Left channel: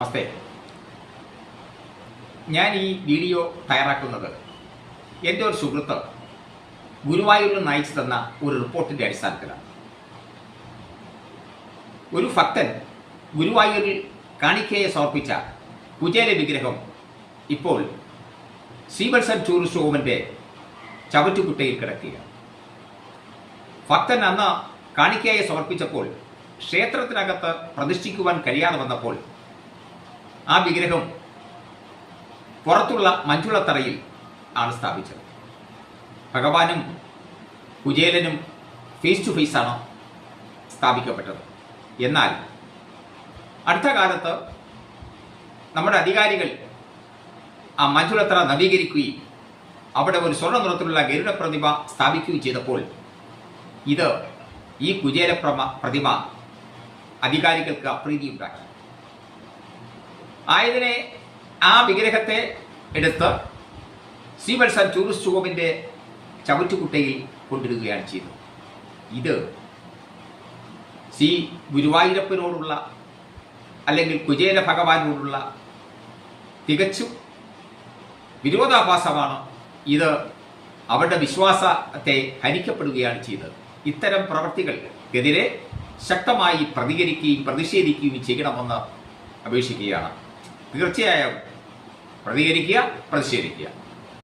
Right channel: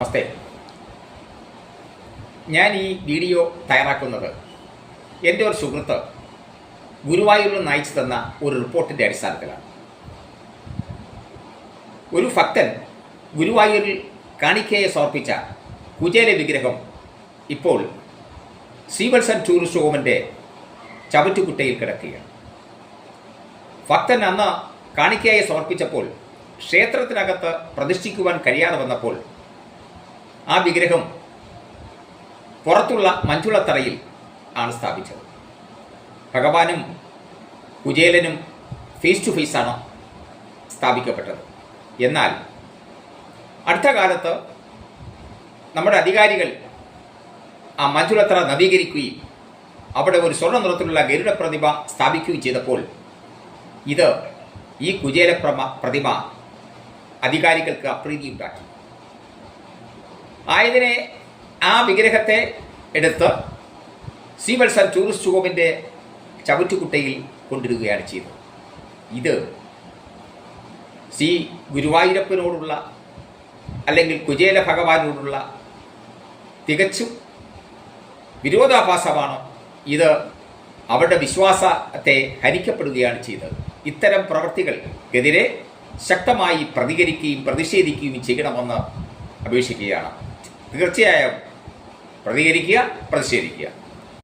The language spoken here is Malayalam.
നമസ്തേ. ഞാൻ ഈ വീഡിയോ തയ്യാറാക്കുന്നത് എന്റെ ഒരു സുഹൃത്ത് ഗുരുവായൂരിൽ നയിച്ചു തന്ന ഒരു റിപ്പോർട്ടിന്റെ അടിസ്ഥാനത്തിലാണ്. ഒരു ഭക്തൻ ഗുരുവായൂരിൽ കാണിക്കയെ സമർപ്പിച്ച കുചേല വിഗ്രഹം ഇപ്പോൾ സീവത്സൻ ടൂറിസ്റ്റ് ഹോമിന്റെ ചവറ്റുകുട്ടയിൽ കിടക്കുകയാണ്. ഭക്തൻ അന്ന് കാണിക്കയെ സമർപ്പിച്ചപ്പോൾ ക്ഷേത്രത്തിനകത്ത് പ്രതിഷ്ഠിക്കുവാൻ കഴിയാതെ വന്നപ്പോൾ ആ വിഗ്രഹം പുറത്തുള്ള മഞ്ചുളത്തറയിൽ ആണ് സ്ഥാപിച്ചത്. ഭഗവാനും കുചേലനും ഫേസ് ടു ഫേസ് ആണ് സ്ഥാപിക്കപ്പെട്ടത്. എന്നാൽ അടുത്ത കാലത്ത് നമ്മുടെ അധികാരികൾ ആ മഞ്ചുളത്തറ നവീകരിക്കുകയും അവിടെ ഒരു സ്വർണ നിറത്തിലുള്ള ഗരുഡ പ്രതിമ സ്ഥാപിക്കുകയും ചെയ്തപ്പോൾ ഇത് ഈ കുചേല പ്രതിമ അധികാരികൾക്ക് അപ്രീതി ഉണ്ടാക്കി. ആയതിനെ ആ വിഗ്രഹത്തെ എടുത്ത് ശ്രീവത്സൻ ടൂറിസ്റ്റ് ഹോമിന്റെ ചവറ്റുകുട്ടയിൽ കൊണ്ടിടുകയാണ് ചെയ്തത്. ഇത് ശ്രീ ഗുരുവായൂരപ്പനോടുള്ള അല്ലെങ്കിൽ കുചേല ഭഗവാനോടുള്ള തികച്ചും വിരോധാഭാസമാണ് ഇത് അവരുടെ വിശ്വാസത്തെ ഹനിക്കപ്പെടുകയാണ് ചെയ്തത്. ഇത്തരം പ്രവർത്തികൾക്കെതിരെ ശക്തമായി പ്രതികരിക്കുകയും പ്രതിഷേധിക്കുകയും ചെയ്യണമെന്ന് അപേക്ഷിക്കുകയാണ്. തീർച്ചയായും പ്രതികരിക്കുക പ്രതിഷേധിക്കുക.